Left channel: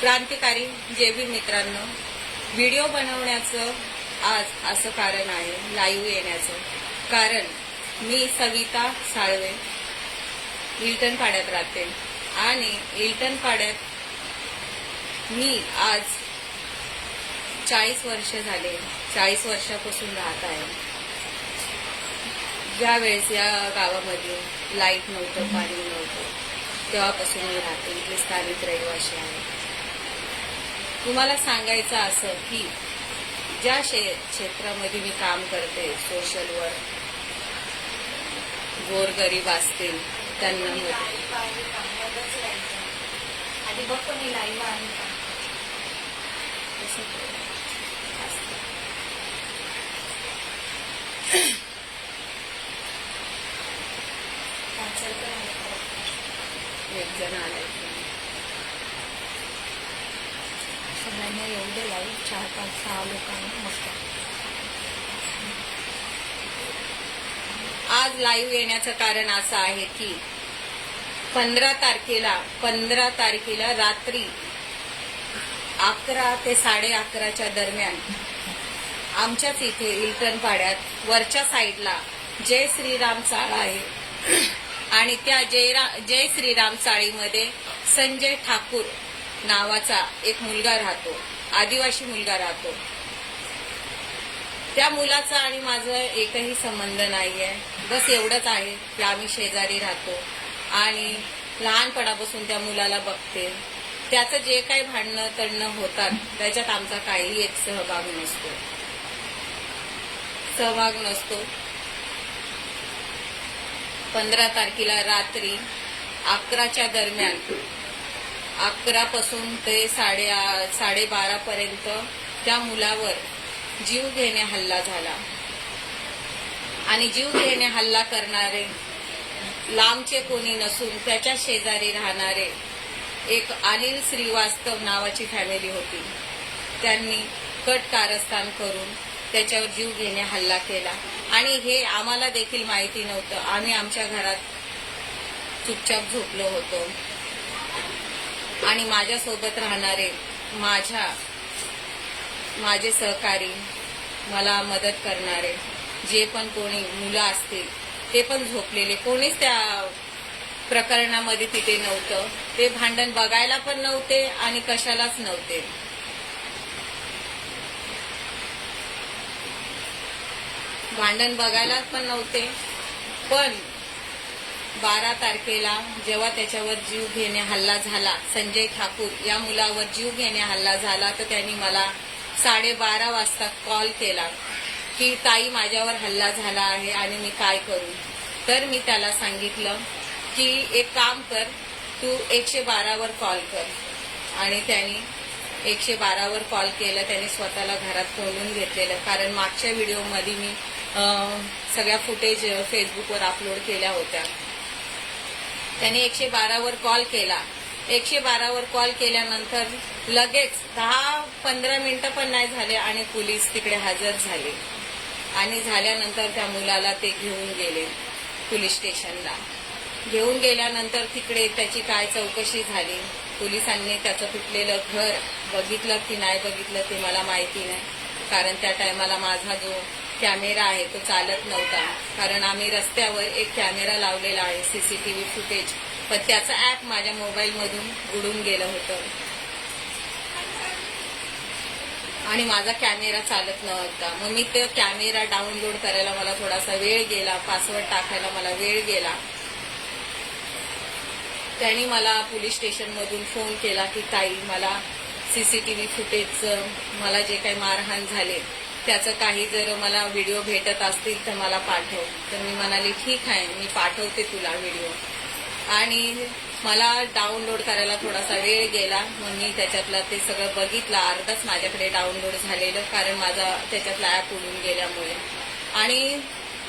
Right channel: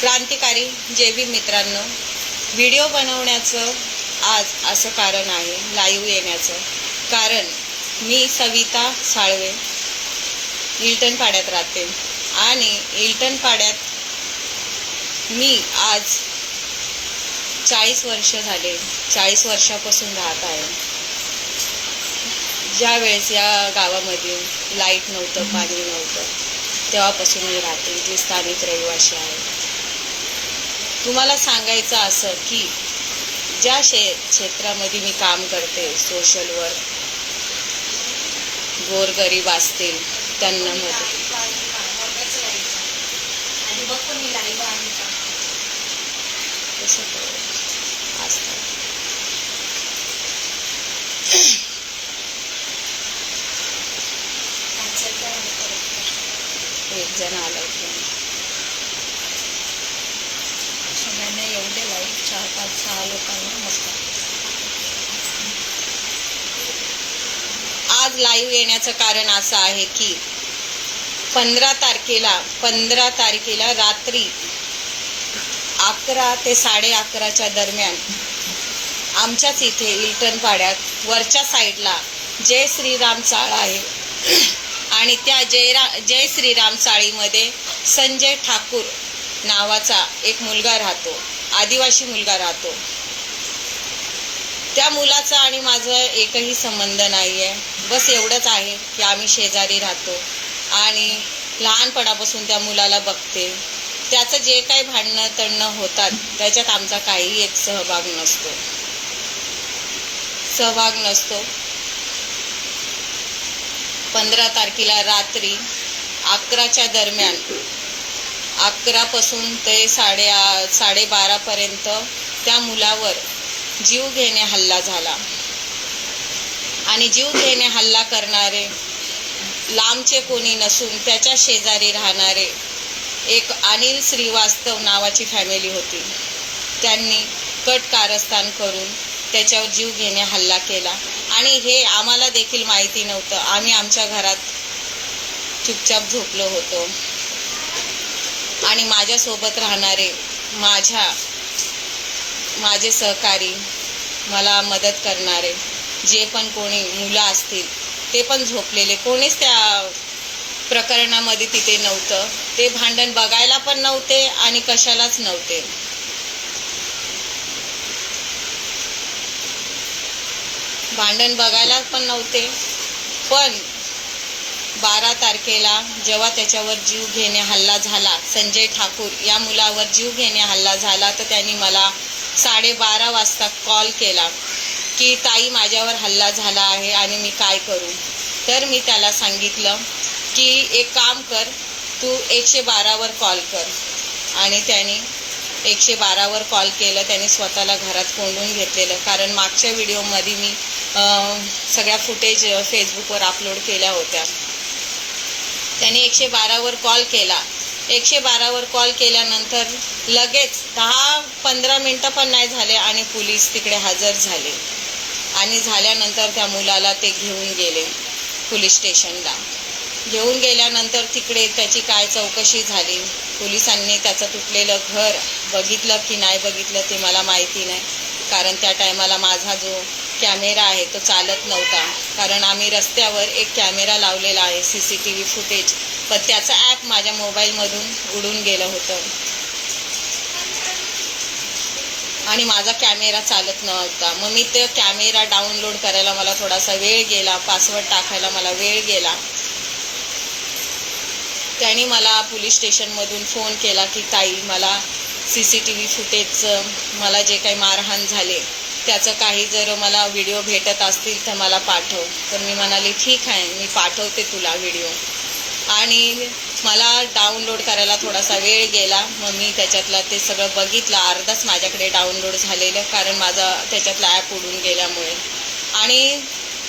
क्रांतिकारी जेवी मित्रांनो व्हिडिओ बनवण्याचं आज असं कारण आहे लाईव्ह येण्याचं. कारण मी सविता साळवे इल्टन पाड्यात राहते. आणि इल्टन पाड्यात मी आज चाळीस वर्ष झाले. चाळीस वर्षापासून राहत आहे. ज्या वेळेस या गावामध्ये लाइट नव्हतं पाणी नव्हतं तेव्हापासून मी राहते इथली स्थानिक रहिवाशी आहे तुम्हाला सांगायचं असं की ज्या शे क्षेत्रामध्ये मी काम करते सोशल वर्क गोरगरीब असतील त्यांना मदत आणि बघतो मी लाईव्ह आहे का कसं करू? असतं. एक जण आलाय friend. लाईव्ह चार पाच सहा लोकांना मस्त आज लाईव्ह येण्याचं कारण असं आहे की पंधरा तारखेला पंधरा तारखेला रात्री अकरा ते साडे अकराच्या दरम्यान आमच्याच इथे इल्टन पाड्यात वरच्या साईडला जय श्रीराम चाळ आहे आणि त्या जयरा जय श्रीराम चाळीमध्ये संजय ठाकूर नावाचा एक मुलगा राहतो आदिवासी मुलगा राहतो. त्या मुलाचा आणि माझं एकही संबंध नाही आहे बस एवढंच आहे की आम्ही शेजारी राहतो. आणि लहानपणापासून त्या मुलाला बघते. त्याचं जे काही भांडणं तडणं होतात त्याच्यात आमचा काही एक सहभाग नसतो. सहभाग नसतो. पंधरा तारखेला रात्री अकराच्या दरम्यान अकरापासून ते साडे साडेबारापर्यंत त्या मुलावर जीव घेणे हल्ला झाला. आणि जीव घेणे हल्ला करणारे लांबचे कोणी नसून त्याच्या शेजारी राहणारे एक अनिल श्रीवास्तव नावाची फॅमिली होती. त्यांनी कट कारस्थान करून त्याच्यावर जीव घेणे हल्ला केला. आणि हे आम्हाला देखील माहिती नव्हतं. आम्ही आमच्या घरात चुपचाप झोपलो होतो. आणि माझ्यासोबत राहणारे माझ्या माझे सहकारी मला मदत करणारे जे पण कोणी मुलं असतील ते पण झोपलेले. कोणीच त्या प्रकरणामध्ये तिथे नव्हतं. ते भांडण बघायला पण नव्हते आणि कशालाच नव्हते. भांडण बघायला पण नव्हते. पण बारा तारखेला जेव्हा त्याच्यावर जीव घेणे हल्ला झाला संजय ठाकूर या मुलावर जीव घेणे हल्ला झाला तर त्यांनी मला साडेबारा वाजता कॉल केला की ताई माझ्यावर हल्ला झाला आहे आणि मी काय करू? तर मी त्याला सांगितलं की एक काम कर तू एकशे बारावर कॉल कर. आणि त्यांनी एकशे बारावर कॉल केलं त्याने स्वतःला घरात कोंडून घेतलेलं. कारण मागच्या व्हिडिओमध्ये मी सगळ्या फुटेज फेसबुकवर अपलोड केल्या होत्या. त्याने एकशे बारावर कॉल केला. एकशे बारावर कॉल केल्यानंतर लगेच दहा पंधरा मिनटं पण नाही झाले आणि पोलीस तिकडे हजर झाले. आणि झाल्यानंतर त्या मुलाला ते घेऊन गेले पोलीस स्टेशनला. घेऊन गेल्यानंतर तिकडे त्याची काय चौकशी झाली? पोलिसांनी त्याचं तुटलेलं घर बघितलं की नाही बघितलं ते मला माहिती नाही. कारण त्या टायमाला माझा जो कॅमेरा आहे तो चालत नव्हता. कारण आम्ही रस्त्यावर एक कॅमेरा लावलेला आहे C C T V footage. पण त्याचं ॲप माझ्या मोबाईलमधून उडून गेलं होतं. आणि माझा कॅमेरा चालत नव्हता. मग मी तो कॅमेरा डाउनलोड करायला मला थोडासा वेळ गेला पासवर्ड टाकायला मला वेळ गेला. त्यांनी मला पोलीस स्टेशनमधून फोन केला की ताई मला सी सी टी व्ही फुटेजचं मला जे काही मारहाण झाले त्याचं काही जर मला व्हिडिओ भेटत असतील तर मला पाठव. तर मी म्हणाली ठीक आहे मी पाठवते तुला व्हिडिओ आणि मला डाउनलोड करायला थोडासा वेळ गेला. मग मी त्याच्यातला ते सगळं बघितलं. अर्धाच माझ्याकडे डाउनलोड झालेलं कारण माझा त्याच्यातला ॲप उडून गेल्यामुळे. आणि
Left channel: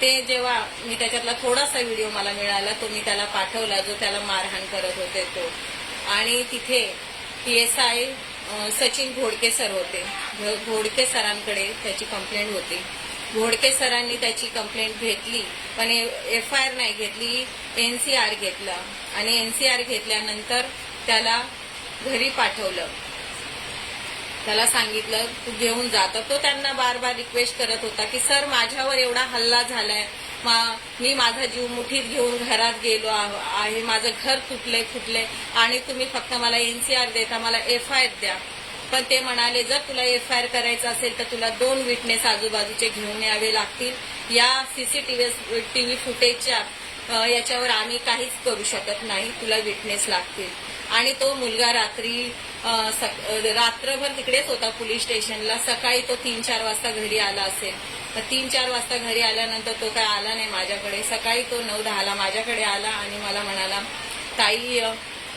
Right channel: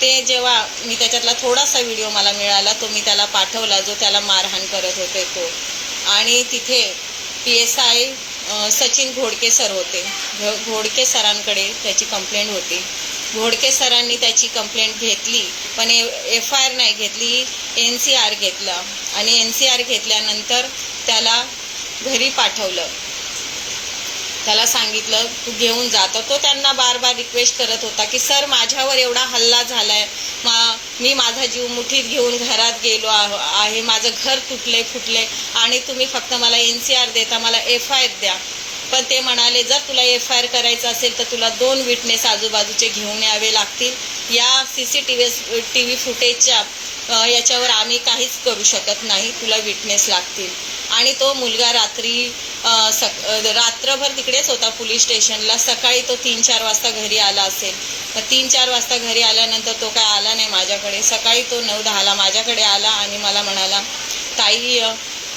ते जेव्हा मी त्याच्यातला थोडासा व्हिडिओ मला मिळाला तो मी त्याला पाठवला जो त्याला मारहाण करत होते तो. आणि तिथे P S I Sachin Ghodke sir होते. घो- घोडके सरांकडे त्याची कंप्लेंट होती. घोडके सरांनी त्याची कंप्लेंट घेतली पण एफ आय आर नाही घेतली एन सी आर घेतलं. आणि एन सी आर घेतल्यानंतर त्याला घरी पाठवलं. त्याला सांगितलं तू घेऊन जा. तर तो त्यांना बार बार रिक्वेस्ट करत होता की सर माझ्यावर एवढा हल्ला झाला आहे मा मी माझा जीव मुठीत घेऊन घरात गेलो आहे. माझं घर तुटलंय फुटलंय. आणि तुम्ही फक्त मला एन सी आर देता मला एफ आय आर द्या. पण ते म्हणाले जर तुला एफ आय आर करायचं असेल तर तुला दोन विटनेस आजूबाजूचे घेऊन यावे लागतील. या C C T V T V फुटेजच्या याच्यावर आम्ही काहीच करू शकत नाही. तुला विटनेस लागतील. आणि तो मुलगा रात्री सक रात्रभर तिकडेच होता पोलीस स्टेशनला. सकाळी तो तीन चार वाजता घरी आला असेल. मग तीन चार वाजता घरी आल्यानंतर तो काय आला नाही माझ्याकडे. सकाळी तो नऊ दहाला माझ्याकडे आला आणि मला म्हणाला ताई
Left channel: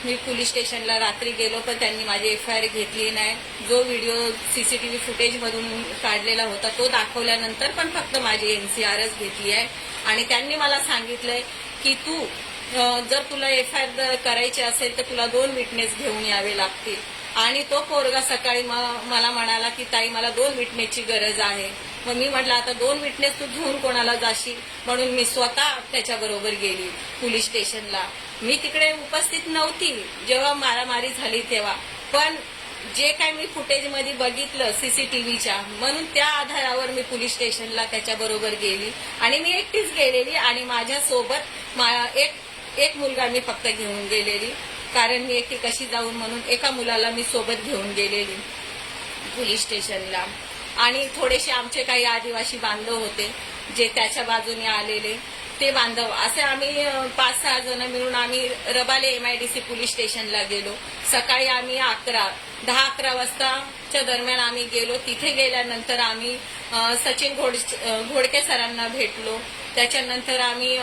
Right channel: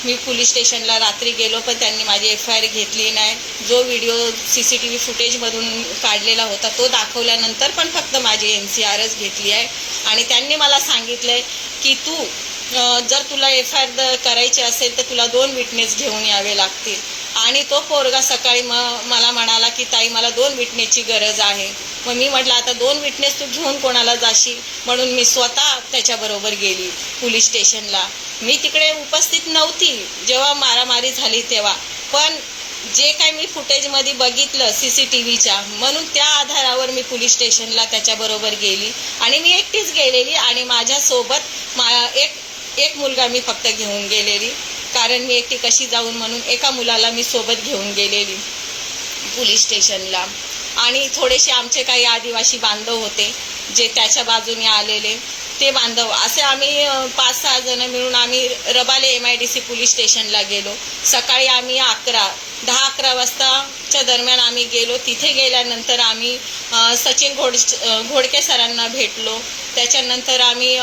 मी पोलीस स्टेशनला रात्री गेलो पण त्यांनी माझी एफ आय आर घेतली नाही. जो video C C T V फुटेजमधून काढलेला होता तो दाखवल्यानंतर पण फक्त माझी एन सी आरच घेतली आहे. आणि त्यांनी मला सांगितलं आहे की तू जर तुला एफ आय आर करायची असेल तर तुला दोन विटनेस घेऊन यावे लागतील. आणि तो पोरगा सकाळी म मला म्हणाला की ताई मला दोन विटनेसची गरज आहे. मग मी म्हटलं आता दोन विटनेस तू घेऊन कोणाला जाशील? म्हणून मी स्वतः त्याच्याबरोबर गेली पोलीस स्टेशनला. मी तिकडे उपस्थित नव्हती जेव्हा मारामारी झाली तेव्हा. पण जे काय मी फुटेजमध्ये बघितलं सी सी टी व्हीच्या म्हणून त्या आधारावर मी पोलीस स्टेशनला त्याच्याबरोबर गेली. आणि मी एकटीच गेलेली आणि माझ्यासोबत मा एक एक मुलगा मी फक्त घेऊन गेलेली. कारण मी एकटी कशी जाऊन म्हणून एका मुलाला मी सोबत घेऊन गेलेली पोलीस स्टेशनला. आणि थोडेसे आमचे काही आदिवासी बांधव होते जे त्याच्या बाजूने आलेले. ते बांधव असे आम्ही पाच सहा जण मिळून आम्ही Rabale M I D C police स्टेशनला गेलो. सकाळी आम्ही अकरा दहा अकरा वाजताच्या दरम्यान आम्ही गेलो. तिथे गेल्यानंतर आम्ही सचिन घोड घोडके सरांना भेटलो. त्याच्यानंतर आम्ही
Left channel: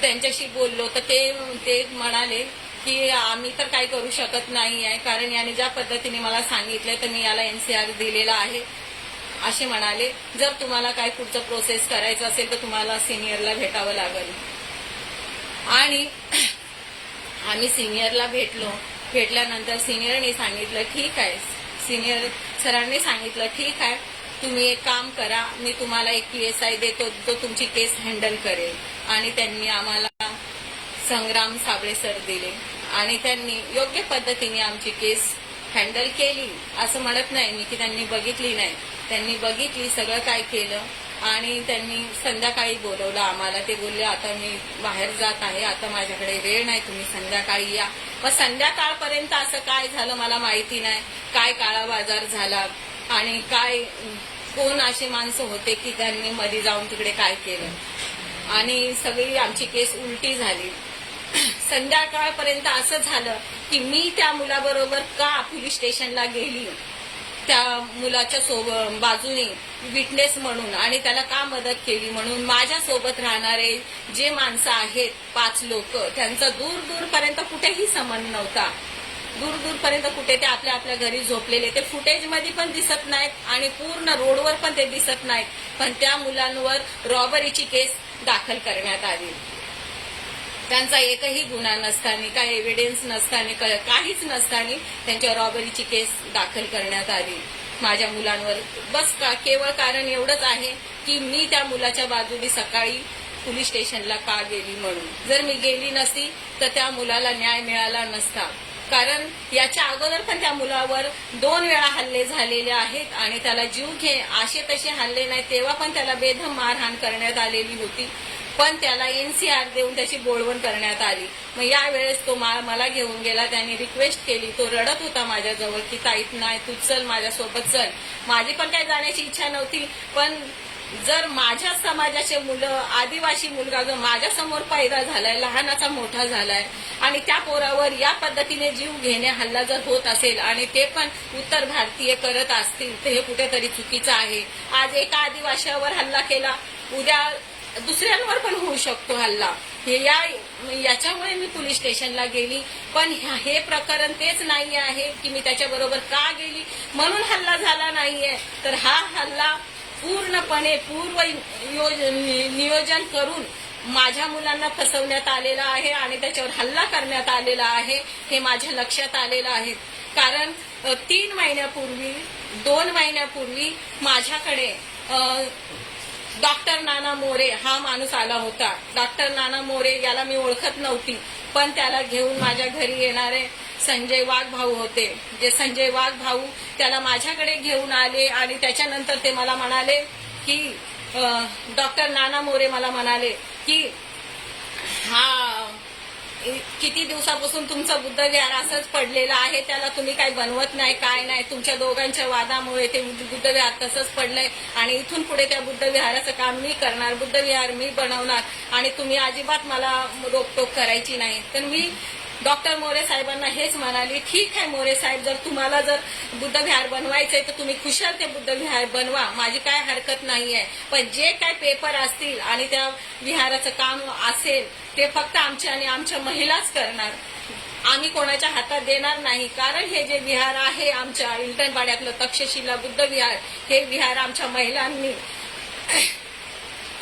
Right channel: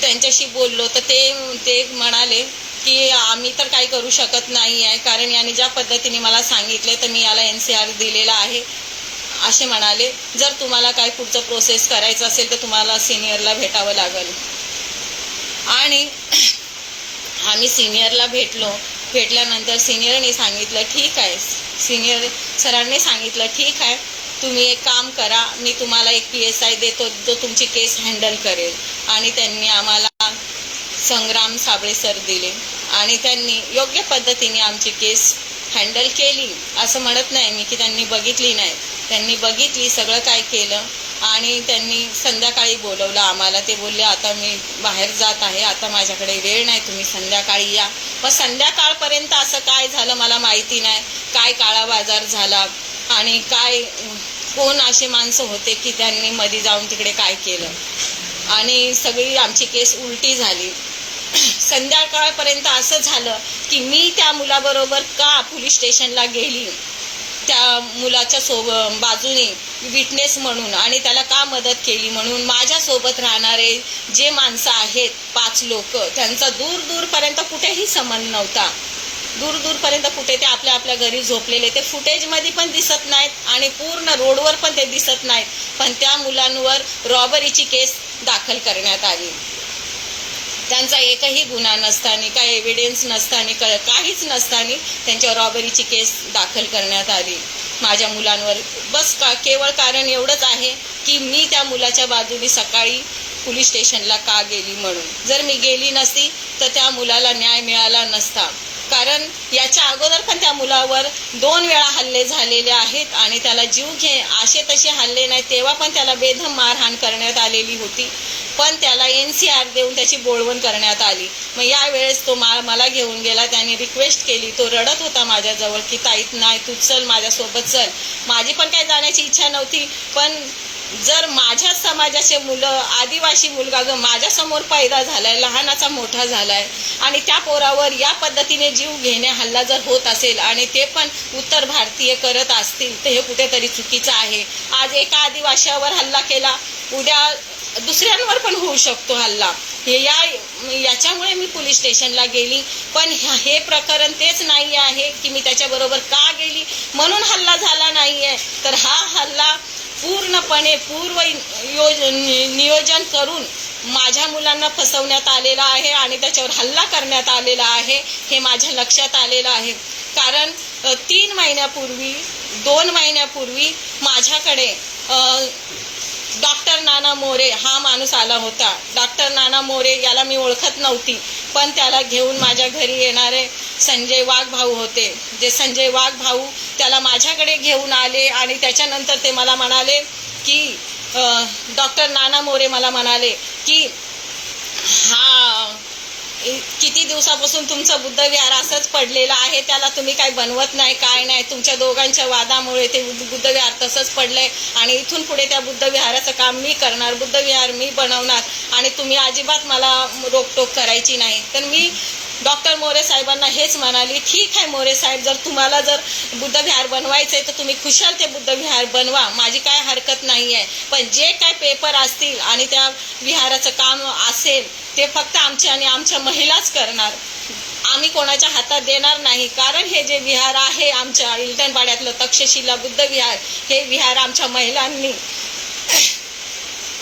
त्यांच्याशी बोललो तर ते ते म्हणाले की आम्ही तर काही करू शकत नाही आहे कारण याने ज्या पद्धतीने मला सांगितलं तर मी याला एन सी आर दिलेला आहे. असे म्हणाले जर तुम्हाला काय पुढचं प्रोसेस करायचं असेल तर तुम्हाला सिनियरला भेटावं लागेल. आणि आम्ही सिनियरला भेटलो. भेटल्यानंतर सिनियरने सांगितलं ठीक आहे. सिनियर सरांनी सांगितलं ठीक आहे. तुम्ही एक काम करा मी तुम्हाला एक पी एस आय देतो जो तुमची केस हँडल करेल. आणि त्यांनी आम्हाला संग्राम साबळे सर दिले. आणि त्यांनी योग्य पद्धतीने आमची केस हँडल केली. असं म्हणत नाही मी की त्यांनी बघितली नाही. त्यांनी बघितली सगळं काय केलं. आणि त्यांनी संध्याकाळी बोलवलं आम्हाला. ते बोलले आता मी बाहेर जात आहे. आता माझ्याकडे वेळ नाही. तुम्ही संध्याकाळी या. मग संध्याकाळपर्यंत असं काय झालं मला माहिती नाही. काय काळा बाजार झाला? आणि काय कोण असे माणसं होते की त्यांनी मध्ये जाऊन तिकडे काय केलं? आणि सगळी आमची केस उलटी झाली. संध्याकाळपर्यंत असं झालं की मी त्या मुलाबरोबर का पोलीस स्टेशनला गेली? त्या मुलाच्या सोब बाजूने विटनेस म्हणून आणि त्याला का मदत केली म्हणून माझ्यासोबत राहणारे जे माणसं आहेत पाच लोक त्यांचा दूर दूरपर्यंत कुठेही संबंध नव्हता. दूर दूरपर्यंत कुठे ते आपल्या आपल्या घरी झोपलेले. ते फुटेजमध्ये पण दिसत नाहीत आणि पूर्ण रोडवर पण ते दिसत नाहीत. पण त्या मुलांवर रॉबरीची केस दाखल करण्यात आली. त्यांचा एकही गुन्हा नसताना काही एव्हिडन्स नसताना क- काहीच नसताना त्यांच्यावर रॉबरीची केस दाखल करण्यात आली. माझ्या मुलांवर बस का केवळ कारण एवढंच आहे की मी त्या मुलाच्या बाजूने सकाळी पोलीस स्टेशनला का गेली म्हणून. जर मी गेली नसती तर त्या मुलाला न्याय मिळाला नसता. कारण याच्या अगोदर पण त्या मुलावर दोन वेळा हल्ले झालेले आहेत आणि त्याला जीव घे असे तसे हल्ले नाही तेव्हा पण त्याला बेधम मारहाण करण्यात आलेली होती. पण त्याला एन सी आर देऊन त्याची बोळवण करण्यात आली. मग यावेळेस तो मा मला घेऊन गेला त्याने रिक्वेस्ट केली. तो रडत होता माझ्याजवळ की ताईत नाही तू चल माझ्यासोबत चल. माझी पण काही जाण्याची इच्छा नव्हती पण जर माझ्या समाजाचे मुलं आदिवासी मुलगा जर माझ्यासमोर पैदा झालाय लहानाचा मोठा झालाय आणि त्या पोरावर या पद्धतीने जीव घेणे हल्ला जर होत असेल आणि ते पण उत्तर भारतीय करत असतील तर हे कुठेतरी चुकीचं आहे. आज एका आदिवासीवर हल्ला केला उद्या दुसऱ्यांवर पण होऊ शकतो हल्ला. हे या याच्यामुळे मी पोलीस स्टेशनला गेली. पण ह्या- हे प्रकरण तेच नाही आहे की मी त्याच्याबरोबर का गेली? म्हणून हल्ला झाला नाही आहे तर हा हल्ला पूर्णपणे पूर्व योजन नियोजन करून माझ्या मुलांना फसवण्यात आलेला आहे आणि त्याच्यावर हल्ला करण्यात आलेला आहे हे माझ्या लक्षात आलेलं आहे. कारण तीन महिन्यापूर्वी दोन महिन्यापूर्वी माझ्याकडे डॉक्टर नाना मोरे हा माणूस आला होता. डॉक्टर नाना मोरे याला मी ओळखत नव्हती पण त्याला घेऊन माझ्या घरी येणारे संजय वाघ भाऊ होते. जे संजय वाघ भाऊ त्याला माझ्याकडे घेऊन आले आणि त्याच्यानंतर ते मला म्हणाले की डॉक्टर नाना मोरे मला म्हणाले की हा इ- किती दिवसापासून तुमचं बुद्धविहार असंच पडलेलं आहे त्याला तुम्ही काय बनवत नाही काय नाही तुमच्या दोघांच्या वादामुळे ते बुद्धविहार तसंच पडलंय आणि इथून पुढे त्या बुद्धविहाराचं काम मी करणार बुद्धविहार मी बनवणार आणि तुम्ही अजिबात मला रोकटोक करायची नाही. तर मी डॉक्टर मोरे साहेबांना हेच म्हणाली ठीक आहे मोरे साहेब जर तुम्हाला जर बुद्ध विहार बनवायचं आहे तर तुम्ही खुशाल ते बुद्ध विहार बनवा. माझी काय हरकत नाही आहे पण जे काय पेपर असतील आणि त्या विहाराचं काम असेल ते फक्त आमच्या आणि आमच्या महिलाच करणार. आम्ही कोणाच्या हातात देणार नाही. कारण हे जे विहार आहे आमच्या इल्टनपाड्यातलं तक्षशिला बुद्ध विहार हे विहार आमच्या महिलांनी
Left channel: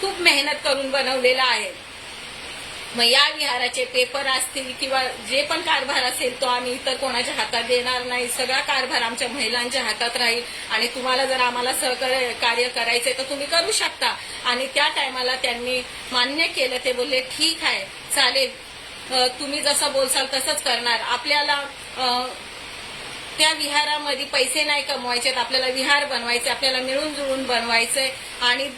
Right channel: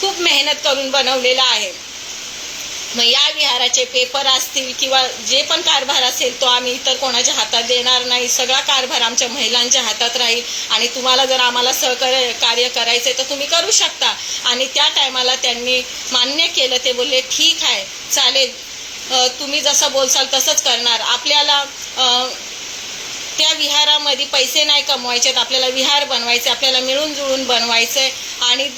खूप मेहनत करून बनवलेलं आहे. मग या विहाराचे पेपर असतील किंवा जे पण कारभार असेल तो आम्ही इतर कोणाच्या हातात देणार नाही. सगळा कारभार आमच्या महिलांच्या हातात राहील. आणि तुम्हाला जर आम्हाला सहकार्य कार्य करायचंय तर तुम्ही करू शकता. आणि त्या टायमाला त्यांनी मान्य केलं. ते बोलले ठीक आहे चालेल. तुम्ही जसं बोलसाल तसंच करणार. आपल्याला त्या विहारामध्ये पैसे नाही कमवायचे आपल्याला विहार बनवायचे आपल्याला मिळून जुळून बनवायचे आणि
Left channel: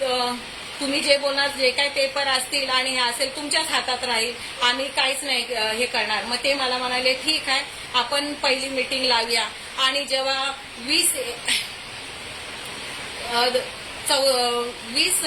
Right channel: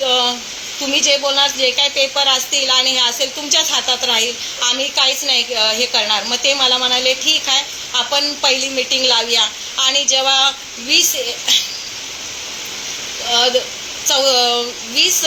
तुम्ही जे बोलणार जे काही पेपर असतील आणि हे असेल तुमच्याच हातात राहील. आम्ही काहीच नाही हे करणार. मग ते मला म्हणाले ठीक आहे आपण पहिली मीटिंग लावूया. आणि जेव्हा वीस चौ वीस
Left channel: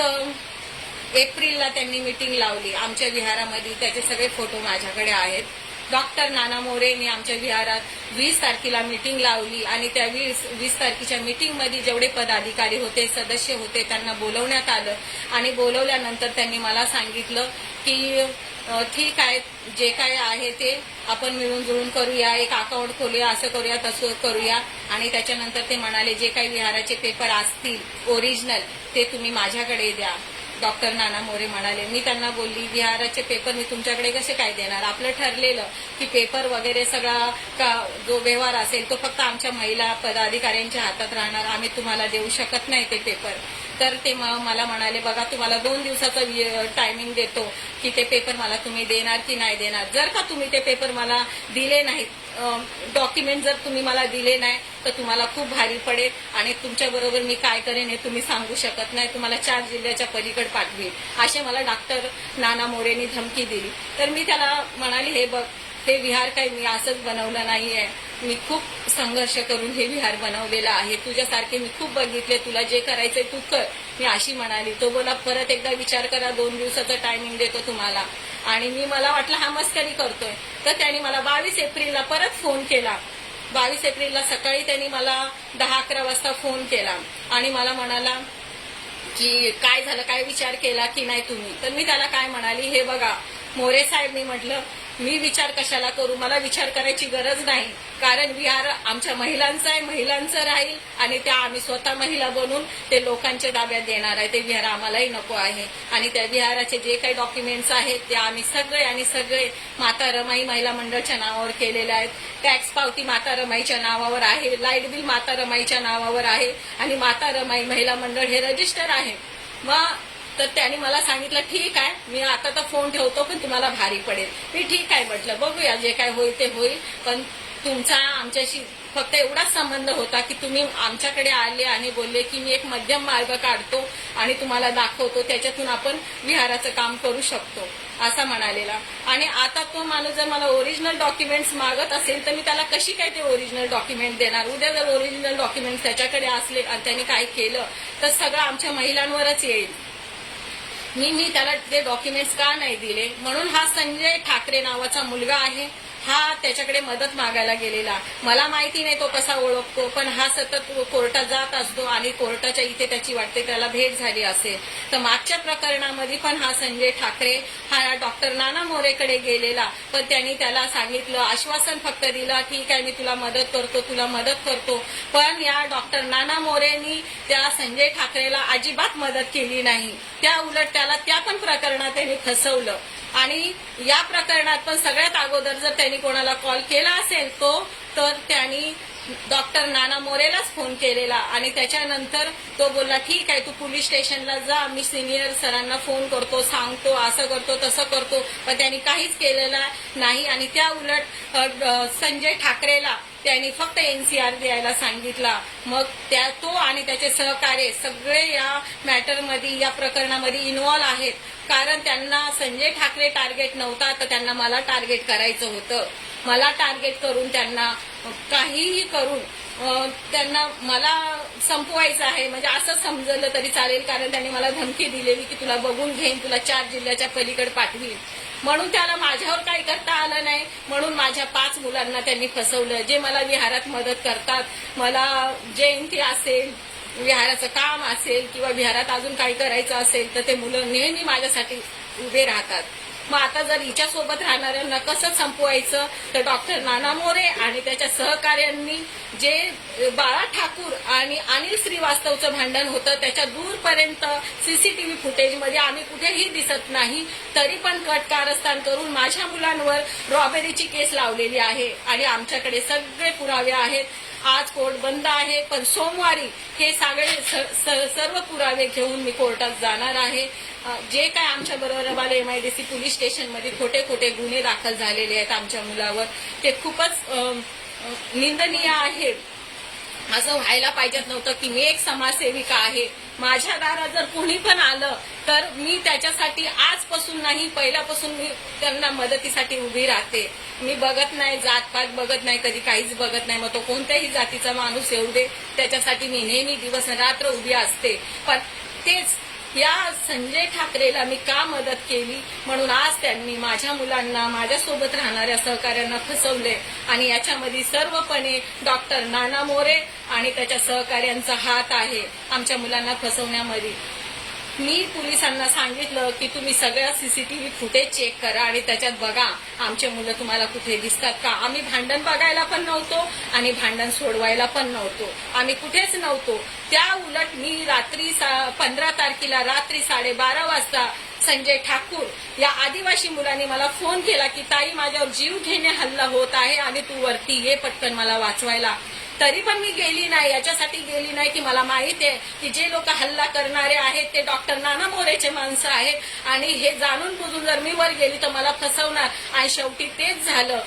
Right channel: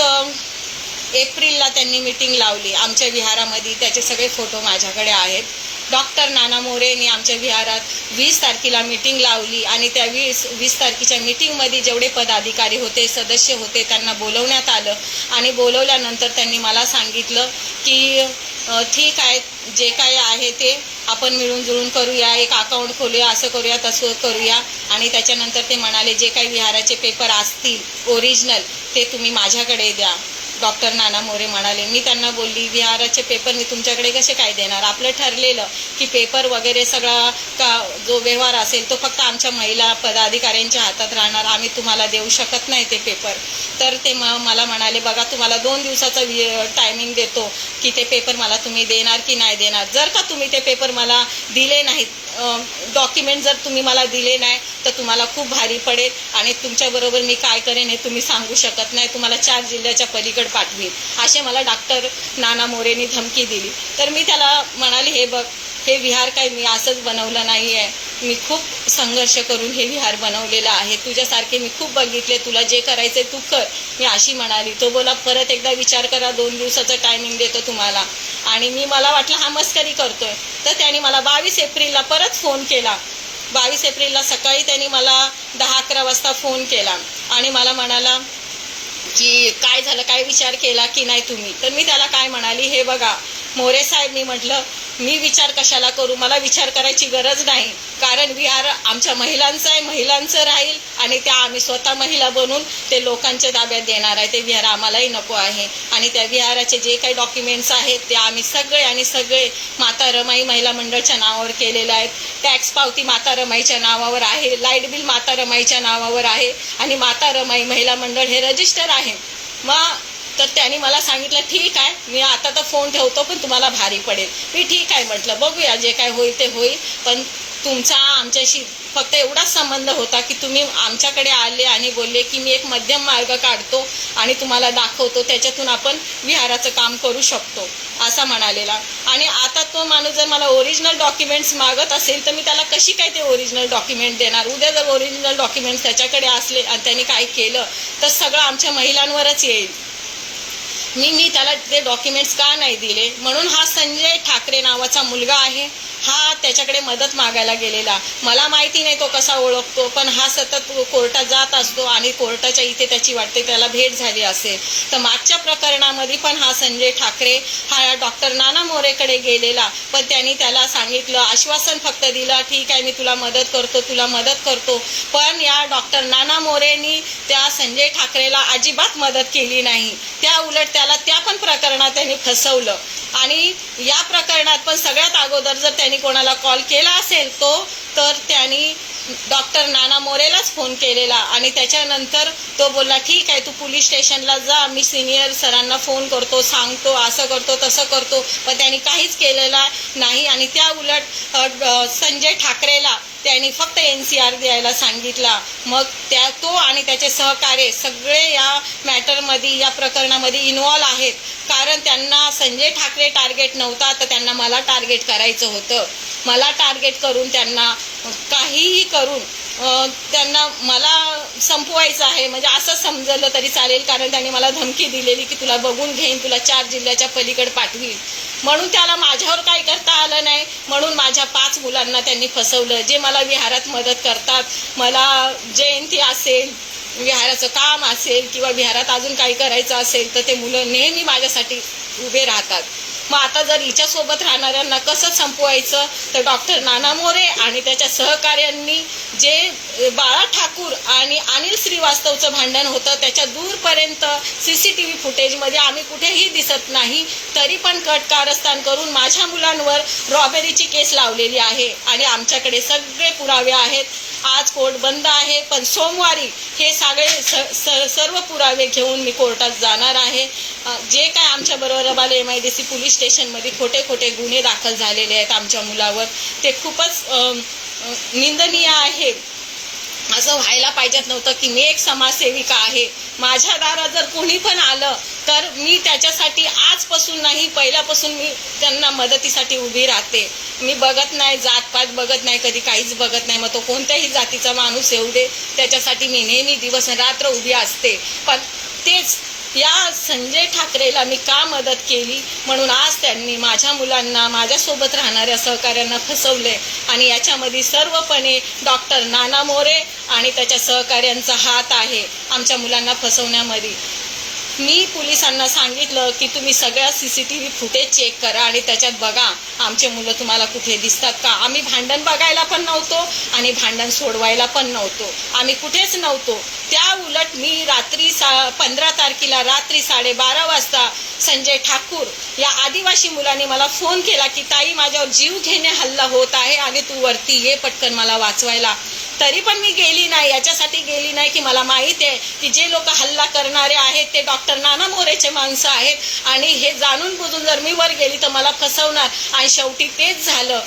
एप्रिलला त्यांनी मीटिंग लावली. आमच्या विहारामध्ये त्याचे सगळे फोटो माझ्याकडे आहेत. डॉक्टर नाना मोरेनी आमच्या विहारात वीस तारखेला मीटिंग लावली आणि त्या वीस वीस तारखेच्या मीटिंगमध्ये जेवढे पदाधिकारी होते सदस्य होते त्यांना बोलवण्यात आलं. आणि बोलवल्यानंतर त्यांनी मला सांगितलं की ठीक आहे जे काय आहे ते आपण मिळून जुळून करूया एक अकाउंट खोलूया असं करूया तसं करूया. आणि त्याच्यानंतर ते म्हणाले जे काही विहाराचे पेपर असतील ओरिजिनल ते तुम्ही माझ्याकडे द्या. डॉक्टर नाना मोरे म्हणाले मी त्यांना बोलली विहाराचे पेपर मी तुमच्याकडे कसे काय देणार? आपलं ठरलेलं की पेपर वगैरे सगळा का जो व्यवहार असेल तो फक्त आमच्या महिला पदाधिकाऱ्यांच्या हातात राहणार. आम्ही तुम्हाला देऊ शकत नाही ते पेपर तर ते म- मला म्हणाले बघा तुम्हाला दोन दिवसाचा टायमिंग देतो की ते पेपर मला तुम्ही देणार की नाही देणार. जर का तुम्ही ते पेपर मला दिले नाहीत डॉक्युमेंट जर तुम्ही मला दिले नाही तर तुम्हाला खूप भारी पडेल आणि तुमच्याबरोबर मी काय करेन हे तुम्ही सांगू शकत नाही. तुम्हाला चार जिल्ह्याच्या पलीकडे पाठवीन. असे मला डॉक्टर नाना मोरेनी धमकी दिली. तर मी त्याला म्हणाले हे बघ हे विहार काही मी असंच बनवलं नाही आहे मी खूप संघर्ष करून हे विहार बनवलेलं आहे. तुझ्यासारखे मी खूप बघितले. तुला जे करायचंय तू कर. मी अशी म्हणाली. तो बोला परत एकदा विचार करा. दोन दिवसाचं टायमिंग देतो तुम्हाला. आणि मी मला वाटलं हा मस्करी करतोय. तर त्याने मला बावीस एप्रिलला परत फोन केला. बावीस एप्रिलला सकाळी त्यांनी मला दहा अकरा वाजता फोन केला. आणि मला म्हणाला की काय झालं काय विचार केला की नाही तुम्ही? तर मी त्याला काय म्हणाली हे बघा मोरे साहेब मी म्हटलं मी विचार कशाला करू? मला विचार करायची गरज नाही. कारण विहार आमच्या महिलांचं आहे महिलांचं राहील आणि त्या आम्ही स्वतः महिला बनून ते लोकांच्या ताब्यात देणार आहे. ते विहार आम्हालाही नको आहे. आणि त्या विहाराचे जे काही डॉक्युमेंट्स आहेत ते आम्ही सगळे आणि सगळे माता रमाई महिला मंडळच्या नावावर केलेले आहेत. टॅक्स पावती माता रमाईच्या नावावर आहे. लाइट बिल माता रमाईच्या नावावर आहे. आणि माता रमाई महिला मंडळ हे रजिस्टर आहे. मग तर त्याने मला सांगितलं ठीक आहे मी आता तर फोन ठेवतो पण तुम्हाला भारी पडेल. मी ठीक आहे म्हटलं बघूया जे काय होईल ते होईल पण तुमचा आमच्याशी फक्त एवढाच संबंध होता की तुम्ही आमच्याकडे आले आणि बोलले की मी एक मध्यम मार्ग काढतो आणि तुम्हाला दाखवतो त्याच्यातून आपण विहाराचं काम करू शकतो असा म्हणालेला. आणि आता तो माणूस जर मला ओरिजिनल डॉक्युमेंट्स मागत असेल तर मी त्याला कशी काय ते ओरिजिनल डॉक्युमेंट देणार? उद्या जर ओरिजिनल डॉक्युमेंट्स त्याच्याकडे असले आणि त्यांनी काय केलं तर सगळं आमच्या महिलांवरच येईल. मी मी त्याला ते डॉक्युमेंट्स का नाही दिले? म्हणून हा संजय ठाकरे नावाचा मुलगा आहे. हा त्याच्याकडे मदत मागायला गेलेला. मला माहिती नाही तो कसा ओळखतो पण हा सतत कोर्टात जात असतो आणि कोर्टाच्या इथे त्याची वाटते त्याला भेट झाली असेल. तर मागच्या प्रकरणामध्ये पण हा संजय ठाकरे हा डॉक्टर नाना मोरेकडे गेलेला. पण त्यांनी त्याला सांगितलं आश्वासन फक्त दिलं ठीक आहे मी तुला मदत करतो तुला मदत करतो. पण या डॉक्टर नाना मोरेनी त्या संजय ठाकरेला अजिबात मदत केली नाही. त्या उलट त्याला त्या पण प्रकरणात त्यांनी फसवलं. आणि या प्रकरणात पण सगळ्यात अगोदर जर त्यांनी कोणाला कॉल केला असेल तो तर त्यांनी डॉक्टर नाना मोरेलाच फोन केलेला आणि त्याच्यानंतर तो बोलला ठीक आहे तू पोलीस स्टेशनला जा मी सिनियर सरांना फोन करतो सांगतो असं करतो तसं करतो. पण त्यांनी काहीच केलेलं नाही आणि त्या उलट संजय ठाकरेला त्यांनी फक्त एन सी आर द्यायला सांगितला. मग त्या तो आणि त्याचे सहकार्य सगळे या मॅटरमध्ये या प्रकरणामध्ये इन्वॉल्व्ह आहेत. कारण त्यांना संजय ठाकरे टार्गेट नव्हता तर त्यांना मला टार्गेट करायचं होतं. मला टार्गेट करून त्यांना काहीही करून त्यांना मला संपवायचं आहे. म्हणजे असं समजलं तरी चालेल कारण त्यांनी मला धमकी दिलेली की तुला बघून घेईन तुला चार जिल्ह्याच्या पलीकडे पाठवीन. म्हणून त्याला माझ्यावर काही करता आलं नाही. म्हणून माझ्या पाच मुलांना त्यांनी फसवलं. जे मला विहारात मदत करतात मला जयंती असेल विहाराचं काम असेल किंवा विहारात अजून काही करायचं असेल तर ते मुलं नेहमी माझ्यासाठी उभे राहतात. मग आता जर हिच्यासोबत राहणाऱ्यांना कसं संपवायचं? तर डॉक्टर नाना मोरे आणि त्याच्या सहकार्यांनी जे बाळा ठाकूर आणि अनिल श्रीवास्तवचं भांडण होतं त्याच्या दूरपर्यंत सी सी टी व्ही फुटेजमध्ये आम्ही कुठेही दिसत नाही तरी पण कट कारस्थान करून माझ्या मुलांवर रॉबेरीची केस लावलेली आहे आणि आमच्याकडे सगळे पुरावे आहेत. आज कोर्ट बंद आहे पण सोमवारी हे सगळे स- स- सर्व पुरावे घेऊन मी कोर्टात जाणार आहे. जे काय आमच्या बरोबर M I D C police स्टेशनमध्ये खोटे खोटे गुन्हे दाखल झालेले आहेत आमच्या मुलावर ते खूपच निंदनीय आहे. असं व्हायला पाहिजेत नव्हतं की मी एक समाजसेविका आहे. माझ्या दारात जर कोणी पण आलं तर मी त्याच्यासाठी आजपासून नाही पहिल्यापासून मी त्यांना मदतीसाठी उभी राहते. मी बघत नाही जातपात बघत नाही कधी काहीच बघत नाही. मग तो कोणत्याही जातीचा माणूस येऊ दे त्याच्यासाठी मी नेहमी दिवस रात्र उभी असते. पण तेच या संजय ठाकरेला मी का मदत केली? म्हणून आज त्यांनी माझ्या मुलांना माझ्यासोबत राहणाऱ्या सहकाऱ्यांना फसवले. आणि याच्यामध्ये सर्वपणे डॉक्टर नाना मोरे आणि त्याच्या सहकाऱ्यांचा हात आहे आमच्या मुलांना फसवण्यामध्ये. मी पोलिसांना सांगितलं की तुम्ही सगळ्या सीसीटीव्ही फुटेज चेक करा आणि त्याच्यात बघा आमचे मुलं तुम्हाला कुठे दिसतात का? आम्ही भांडण बघायला पण नव्हतो आणि भांडण सोडवायला पण नव्हतो. आम्ही कुठेच नव्हतो. त्या उलट मी रात्री सा पंधरा तारखेला रात्री साडेबारा वाजता संजय ठाकूर या आदिवासी मुलांनी मला फोन केला की ताई माझ्यावर जीव घेणे हल्ला होत आहे आणि तू वरती ये पटकन मला वाचवायला. तरी पण मी गेली नाही याच्यासाठी गेली नाही की मला माहीत आहे की जे लोक हल्ला करणारे आहेत ते डॉक्टर नाना मोरेचे माणसं आहेत. आणि हे जाणून बुजून जर मी वर गेली तर मला फसवणार. आणि शेवटी तेच झालं.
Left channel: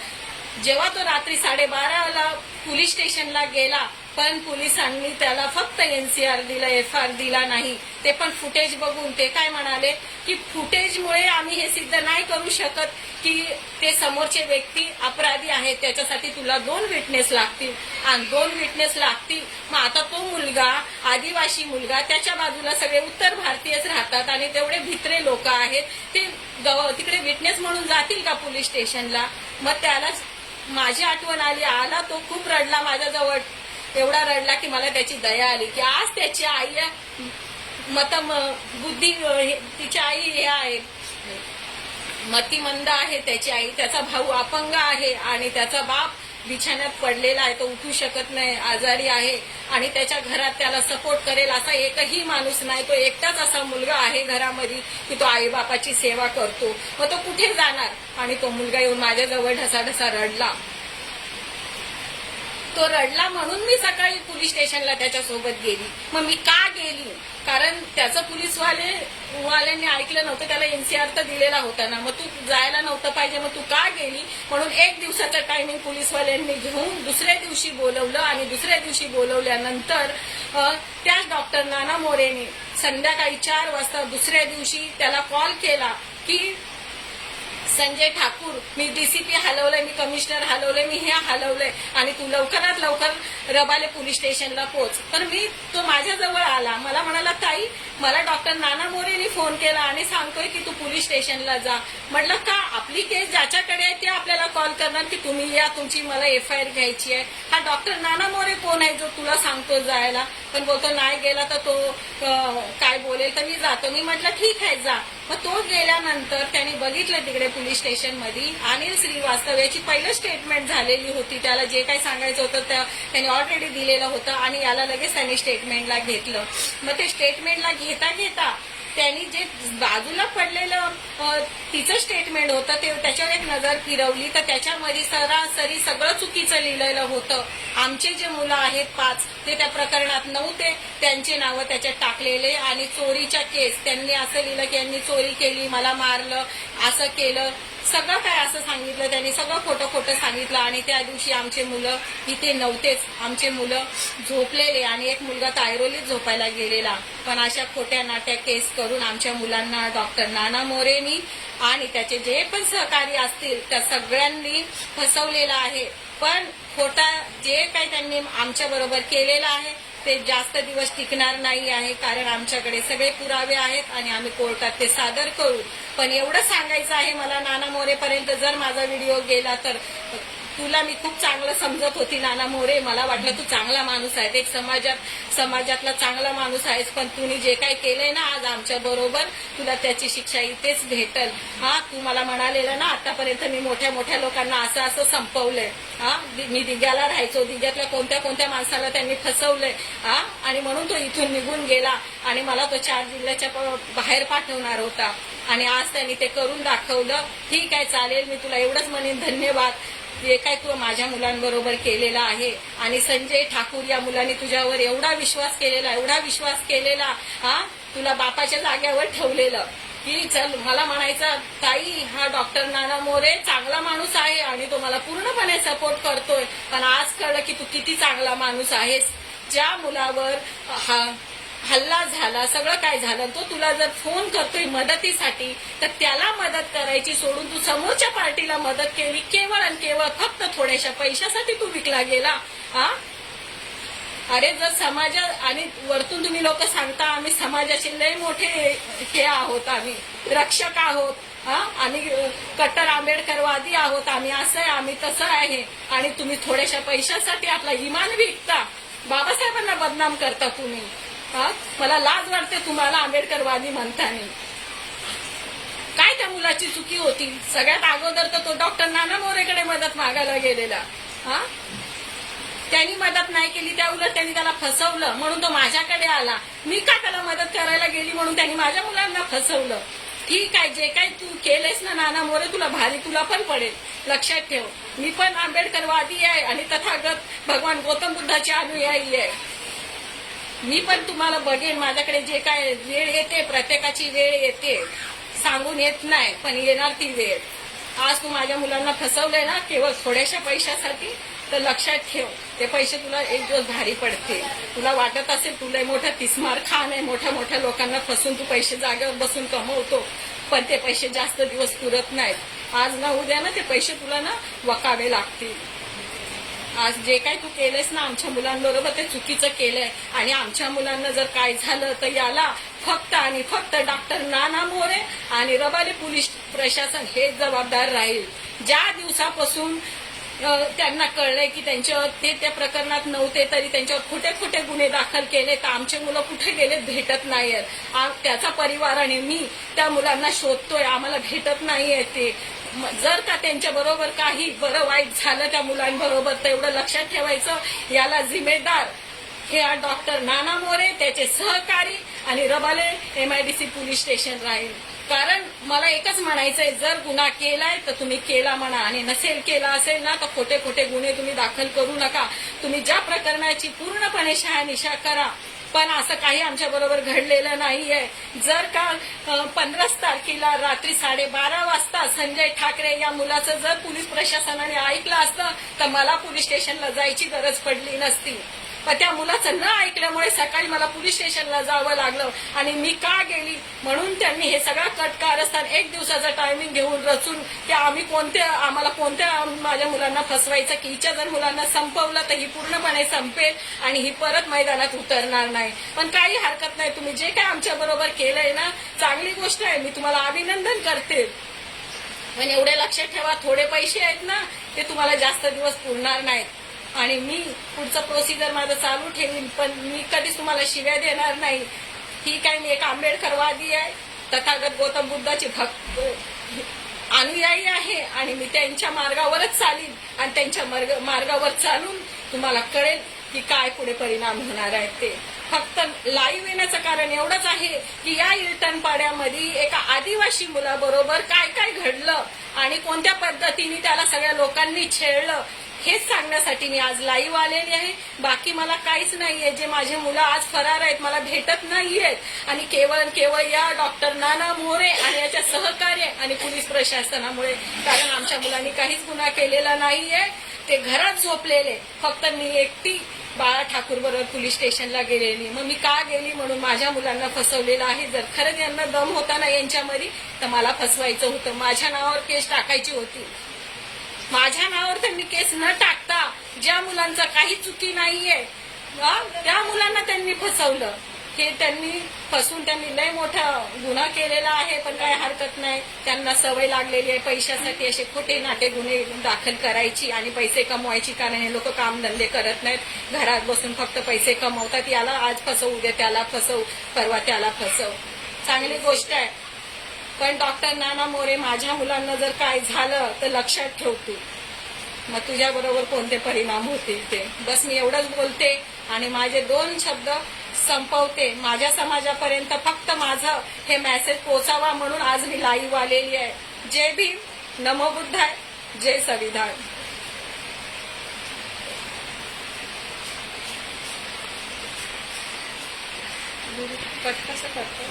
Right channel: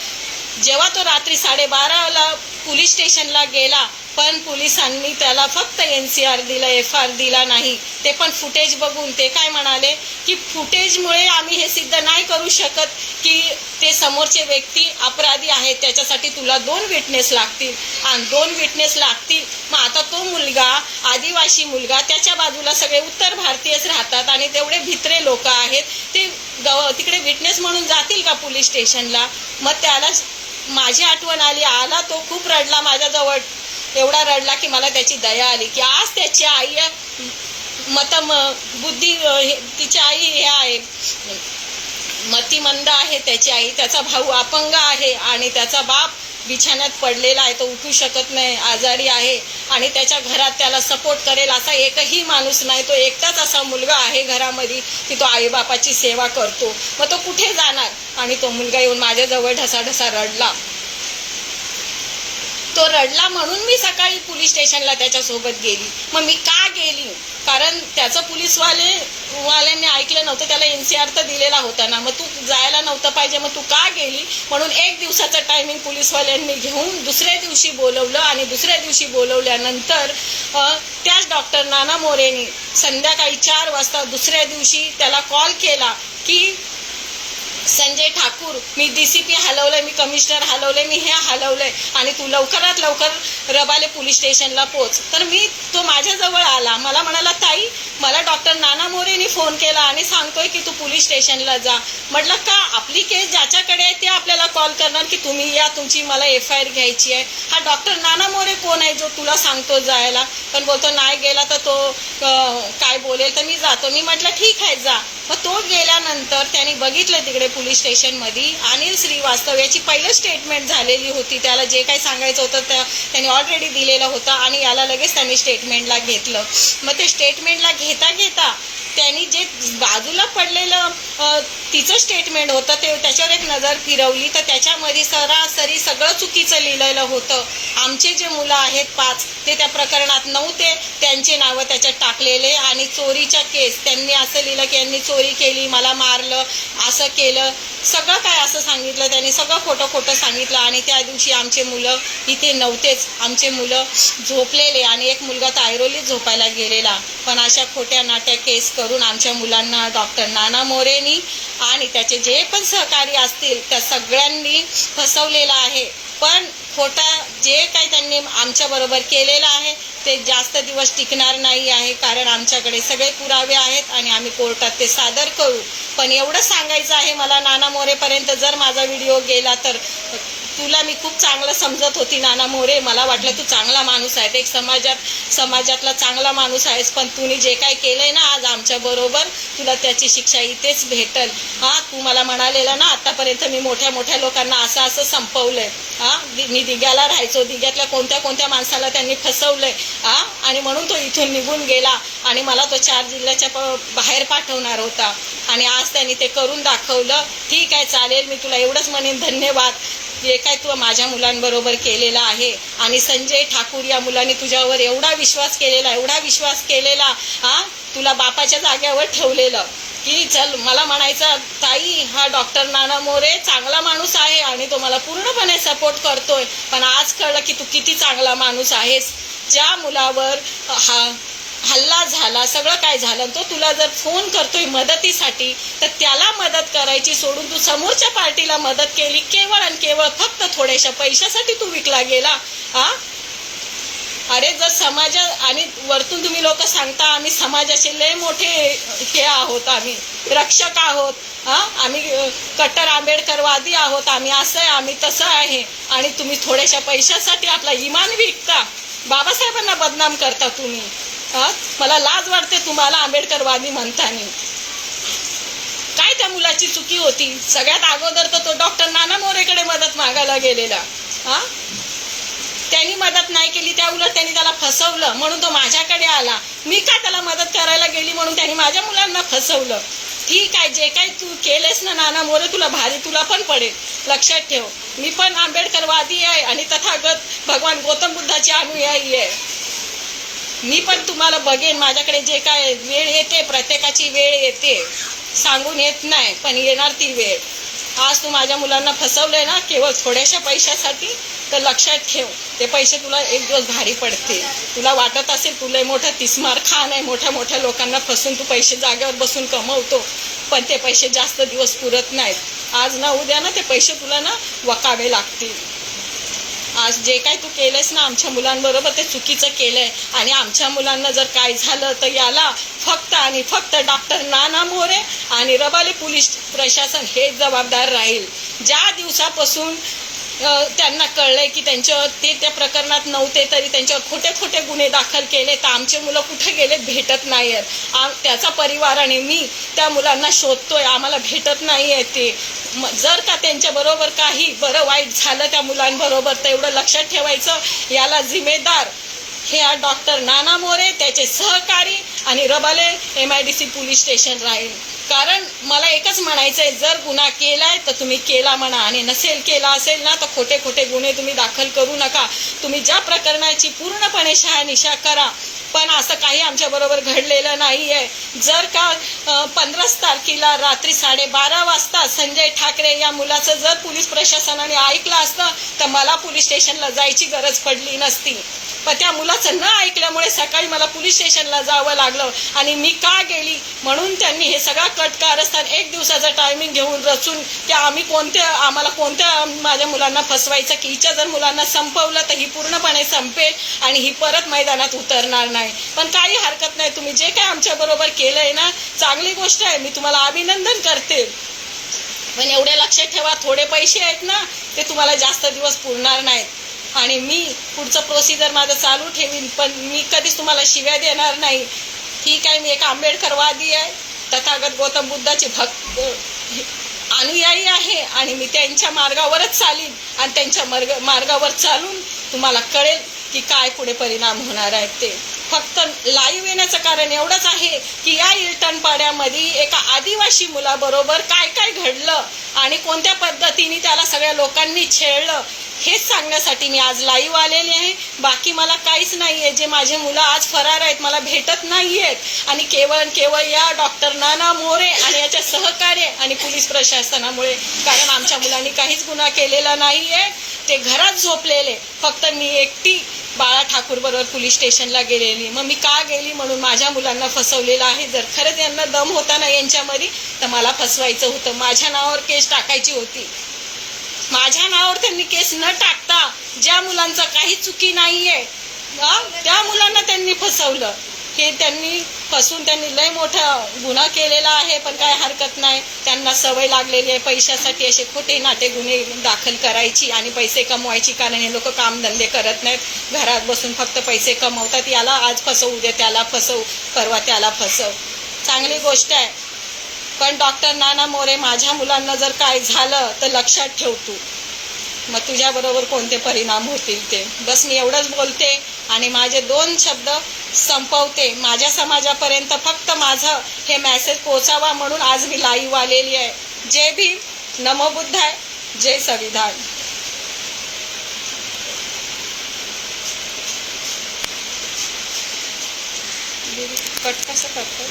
जेव्हा तो रात्री साडेबाराला पोलीस स्टेशनला गेला पण पोलिसांनी त्याला फक्त एन सी आर दिला एफ आर दिला नाही. ते पण फुटेज बघून ते काय म्हणाले की फुटेजमुळे आम्ही हे सिद्ध नाही करू शकत की ते समोरचे व्यक्ती अपराधी आहेत त्याच्यासाठी तुला दोन विटनेस लागतील. आणि दोन विटनेस लागतील मग आता तो मुलगा आदिवासी मुलगा त्याच्या बाजूला सगळे उत्तर भारतीयच राहतात आणि तेवढे भित्रे लोक आहेत. ते गव तिकडे विटनेस म्हणून जातील का पोलीस स्टेशनला? मग त्याला माझी आठवण आली आला तो खूप रडला माझ्याजवळ. एवढा रडला की मला त्याची दया आली की आज त्याची आई मत बुद्धी हे- तिची आई हे आहे. मतिमंद आहे त्याची आई. त्याचा भाऊ अपंग आहे आणि त्याचा बाप बिछाण्यात पडलेला आहे. तो उठू शकत नाही आजारी आहे आणि त्याच्या घरात त्याला सपोर्ट करेल असा एकही माणूस नाही. तो एकटाच असा मुलगा आहे घरामध्ये की तो आईबापाची सेवा करतो. मग तो कुठे जाणार? आणि तो मुलगा येऊन माझ्याजवळ ढसाढसा रडला. तो रडला म्हणून मी सकाळी पोलीस स्टेशनला त्याच्यासोबत गेली. मग मी का गेली? कारण त्याचं पोलीसवाले वाल्यांनी ऐकलं नव्हतं त्याला एनसीआर तर दिलेला होता ना. मग तू जायला नव्हतं पाहिजे मग तू का गेली? म्हणून एक दिवसाचं टायमिंग पोलीसवाल्यांनी घेऊन दुसऱ्या दिवशी बोलवलं आणि दुसऱ्या दिवशी बोलवल्यानंतर त्याच डॉक्टर नाना मोरेनी संध्याकाळी चार वाजता दुसऱ्या दिवशी त्याला कॉल केला की संजय ठाकूर मी डीसीपी हलवलंय मी कमिशनर हलवलंय मी हे हलवलंय. आणि तू लवकरात लवकर रबाले पोलीस स्टेशनला पोच. तर मी तो माझ्याजवळ आला. मला म्हणाला ताई मला डॉक्टर नाना मोरेनी फोन केला आणि सांगतोय की तू पोलीस स्टेशनला जा. म्हटलं का? आपली केस ज्याच्याकडे आहे ते आपल्याला कॉल करणार की तुम्ही या तुमची मला एफ आय आर घ्यायची आहे. हा डॉक्टर नाना मोरे कोण आहे जो तुला सांगतो जायला? पण बोलतो नाही गेला तर तो काय बोलेल तर मी जातो. मी म्हटलं ठीक आहे जा. मग तो गेल्यानंतर त्याने बघितलं तिकडे पोलीस स्टेशनमध्ये अनिल श्रीवास्तव याची पहिलं स्टेटमेंट झालेली होती. त्याला जे काही सांगायचं होतं त्या त्याने ऑलरेडी दिलेलं होतं आणि याला लगेच त्यांनी स्टेटमेंटला घेतलं. मग ते स्टेटमेंटला घे घेता घेता त्यांनी जे बाजूला पडलेलं तिचं स्टेटमेंट होतं ते त्याच्यावर एक नजर फिरवली. तर त्याच्यामध्ये सरासरी सगळं चुकीचं लिहिलेलं होतं. आमचे जे मुलं आहेत पाच ते त्या प्रकरणात नव्हते त्यांचे नावं त्याच्यात टाकलेले. आणि चोरीच्या केस त्यांनी असं लिहिलं की यांनी चोरी केली मला मारलं असं केलं. सगळं काय असं सांगितलं त्यांनी सगळं खोटं खोटं सांगितलं. आणि त्या दिवशी आमचे मुलं इथे नव्हतेच. आमचे मुलं झोपलेले आणि एक मुलगा तायरोलीत झोपायला गेलेला. पण अशा खोट्या नाट्या केस करून आमच्या मुलांना डॉक्टर नाना मोरेनी आणि त्याचे जे पण सहकारी असतील त्या सगळ्यांनी फसवलेलं आहे. पण खोटा जे काही त्यांनी आमच्याबरोबर केलेलं आहे ते जास्त दिवस टिकणार नाही आहे. कारण आमच्याकडे सगळे पुरावे आहेत आणि आम्ही कोर्टात ते सादर करू. पण एवढं सांगायचं आहे मला नाना मोरेपर्यंत जर माझा व्हिडिओ गेला तर तुला मी खूप चांगलं समजत होती नाना मोरे. मला वाटलं तू चांगला माणूस आहे एक समाजात समाजातला चांगला माणूस आहेस पण तुम्ही जे काही केलंय ना आज आमच्या बरोबर तुला त्याची शिक्षा इथेच भेटल. हा तू मला म्हणालेलं ना आतापर्यंत मी मोठ्या मोठ्या लोकांना असं असं संपवलंय. हा मी दिग्याला राहायचो. दिग्यातल्या कोणत्या कोणत्या माणसाला त्यांनी फसवलंय. हा आणि म्हणून तो इथून निघून गेला. आणि मला तो चार जिल्ह्याच्या बाहेर पाठवणार होता. आणि आज त्यांनी ते करून दाखवलं. ठीक आहे चालेल मी तुला एवढंच म्हणेन. धन्यवाद. जे काय तू माझ्या मुलांबरोबर केलेला आहे आणि संजय ठाकूर या मुलांनी तुझ्यावर एवढा विश्वास केलेला एवढा विश्वास केलेला हा? तुला बापाच्या जाग्यावर ठेवलेलं की चल मला म्हणायचं ताई हा डॉक्टर नाना मोरे चांगला माणूस आहे आणि तो मला पूर्णपणे सपोर्ट करतोय पण आज कळलं की तू किती चांगला माणूस आहेस. ज्या मुलावर हा हल्ला झाला सगळं काय झालं तो तुला जर फोन करतोय मदतीसाठी तर त्याला मदत करायची सोडून तू समोरच्या पार्टीला मदत केली केवळ आणि केवळ फक्त थोड्याशा पैशासाठी तू विकला गेला हा? अरे जर समाजा आणि वरतून तुम्ही लोक सांगता आम्ही समाजाचे लय मोठे हे आहोत आम्ही रक्षक आहोत हा? आम्ही कट्टर आंबेडकरवादी आहोत आम्ही असं आहे आम्ही तसं आहे आणि तुम्ही थोड्याशा पैशासाठी आपला इमान विकता. बाबासाहेबांना बदनाम करता तुम्ही. हा? मला लाज वाटते तुम्हाला आंबेडकरवादी म्हणतानी. काय त्या मुलाची चुकी होती? सगळ्यात अगोदर तर तो डॉक्टर नाना मोरेकडे मदत मागायला गेलेला. हा? त्यांनी मदत नाही केली त्या उलट त्यांनी त्याला फसवलं म्हणून तो माझ्याकडे आला. मी का त्याला मदत करायला गेली म्हणून त्यांनी माझ्या मुलांना फसवलं? ठीक आहे जे काही तू केलेस ना नाना मोरे तुला भारी तुला पण पडेल. लक्षात ठेव मी पण आंबेडकरवादी आहे आणि तथागत भगवान गौतम बुद्धाची अनुयायी आहे. मी पण तुम्हाला बघेन माझ्याकडे जे काय वेळ येते प्रत्येकाची वेळ येते सांगून येत नाही पण येणार ती वेळ. आज तू माझ्या मुलांना फसवलंय ना केवळ थोड्याशा पैशासाठी तर लक्षात ठेव ते पैसे तुला एक दिवस भारी पडते तुला वाटत असेल तुला मोठा तिस्मार खान आहे मोठ्या मोठ्या लोकांना फसून तू पैसे जागेवर बसून कमवतो पण ते पैसे जास्त दिवस पुरत नाहीत. आज ना उद्या ना ते पैसे तुला ना वकावे लागतील. जे काय तू केलंयस ना आमच्या मुलांबरोबर ते चुकीचं केलंय. आणि आमच्या मुलांना जर काय झालं तर याला फक्त आणि फक्त डॉक्टर नाना मोरे आणि रबाले पोलीस प्रशासन हे जबाबदार राहील. ज्या दिवसापासून त्यांना कळलंय की त्यांच्यावर ते त्या प्रकरणात नव्हते तरी त्यांच्यावर खोटे खोटे गुन्हे दाखल केले. तर आमचे मुलं कुठे गेलेत भेटत नाही आहेत आ- त्याचा परिवार आणि मी त्या मुलांना शोधतोय. आम्हाला भेटत नाही आहे ते जर का त्यांच्या बरोबर काही बरं वाईट झालं त्या मुलांबरोबर तर एवढं लक्षात ठेवायचं. याला जिम्मेदार हे डॉक्टर नाना मोरे त्याचे सहकारी आणि Rabale M I D C police station राहील. कारण मला एकच म्हणायचं आहे जर गुन्हा केलाय तर तुम्ही केला म्हणा आणि नसेल केला असेल ना तर खोटे खोटे गुन्हे तुम्ही दाखल करू नका. तुम्ही ज्या प्रकरणाची पूर्णपणे शहानिशा करा. पण असं काही आमच्या बरोबर घडलेलं नाहीये. जर का पंधराच तारखेला रात्री साडेबारा वाजता संजय ठाकरे या मुलाचं जर पोलीस प्रशासनाने ऐकलं असतं तर मला पोलीस स्टेशनला जायची गरज पडली नसती. पण त्या मुलाचं न ऐकल्यामुळे सकाळी मला पोलीस स्टेशनला जावं लागलं. आणि मी का गेली? म्हणून त्यांनी हे सगळं कट कारस्थान एक दिवसाचं टायमिंग घेऊन रचून की आम्ही कोणत्या आम्हाला कोणत्या माझ्या मुलांना फसवायचं की हिच्या जर मुलांना संपवलं तर ही पूर्णपणे संपेल आणि ही परत मैदानात उतरणार नाही. पण काही हरकत नाही. तुम्ही जे काय आमच्याबरोबर केलं केलंय ना चांगली गोष्ट आहे. मी तुम्हाला अभिनंदन करते. पण एवढे लक्षात ठेवा थोडे पैसे आहेत ना ते तुम्हाला जास्त दिवस पुरणार नाहीत. आणि मी पुढचं प्रोसिजर माझं चालू ठेवीन पण मी कधीच तुम्हाला शिव्या देणार नाही. ठीक आहे मी एक आंबेडकरवादी आहे. तथागत गौतम बुद्धाची भक्त अनुयायी आहे आणि मी त्यांच्या मार्गावरच चालीन आणि त्यांच्या मार्ग मार्गावर चालून तुम्हाला कळेल की काय पुढे परिणाम होणार आहेत ते. फक्त लाईव्ह येण्याचं कारण एवढंच आहे की या इल्टन पाड्यामध्ये एका आदिवासी मुलाबरोबर काय काय घडलं आणि कोणत्या पद्धतीने त्याला सगळ्या लोकांनी छेडलं हेच सांगण्यासाठी मी आज लाईव्ह आलेली आहे. बाकी मला काहीच नाही आहे जे माझे मुलं आज फरार आहेत मला भेटत नाही आहेत आणि केवळ केवळ या डॉक्टर नाना मोरे आणि याच्या सहकार्य आणि पोलीस प्रशासनामुळे कारण आमच्या मुलांनी काहीच गुन्हा केलेला नाही आहे ते घरात झोपलेले. फक्त मी एकटी बाळा ठाकूर बरोबर पोलीस स्टेशनला गेलेली. मग मी का गेली म्हणून माझ्या मुलांना फसवलेलं आहे? जर खरंच यांना दम होता ना यांच्यामध्ये तर मला फसवायचं होतं. माझ्या नावावर केस टाकायची होती. माझ्या नावावर त्यांनी केस न टाकता ज्या मुलांचा काही चुकी नाहीये त्या मुलांना त्यांनी फसवलं. हे त्यांनी फसून त्यांनी लय मोठा गुन्हा केलेला आहे पण काय हरकत नाही. त्यांना सवय लागलेली आहे पैशासाठी असे खोटे नाटे गुन्हे दाखल करायची आणि पैसे कमवायची कारण हे लोक कामधंदे करत नाहीत. घरात बसून फक्त पैसे कमवतात. याला आज फसवू उद्या त्याला फसवू परवा त्याला फसव. चांगली गोष्ट आहे. पण डॉक्टर नाना मोरे माझ्या मुलांना जर काय झालं तर लक्षात ठेव तू. मग तुझ्याबरोबर कोणते परिणाम होतील ते? बस मी एवढंच बोलते आणि माझे दोन शब्द संपवते. माझ्या समाजापर्यंत फक्त माझं हे मेसेज पोचावा म्हणून आज मी लाईव्ह आलेली आहे. जय भीम. नमो बुद्धाय. जय संविधान. कट कसं करतो.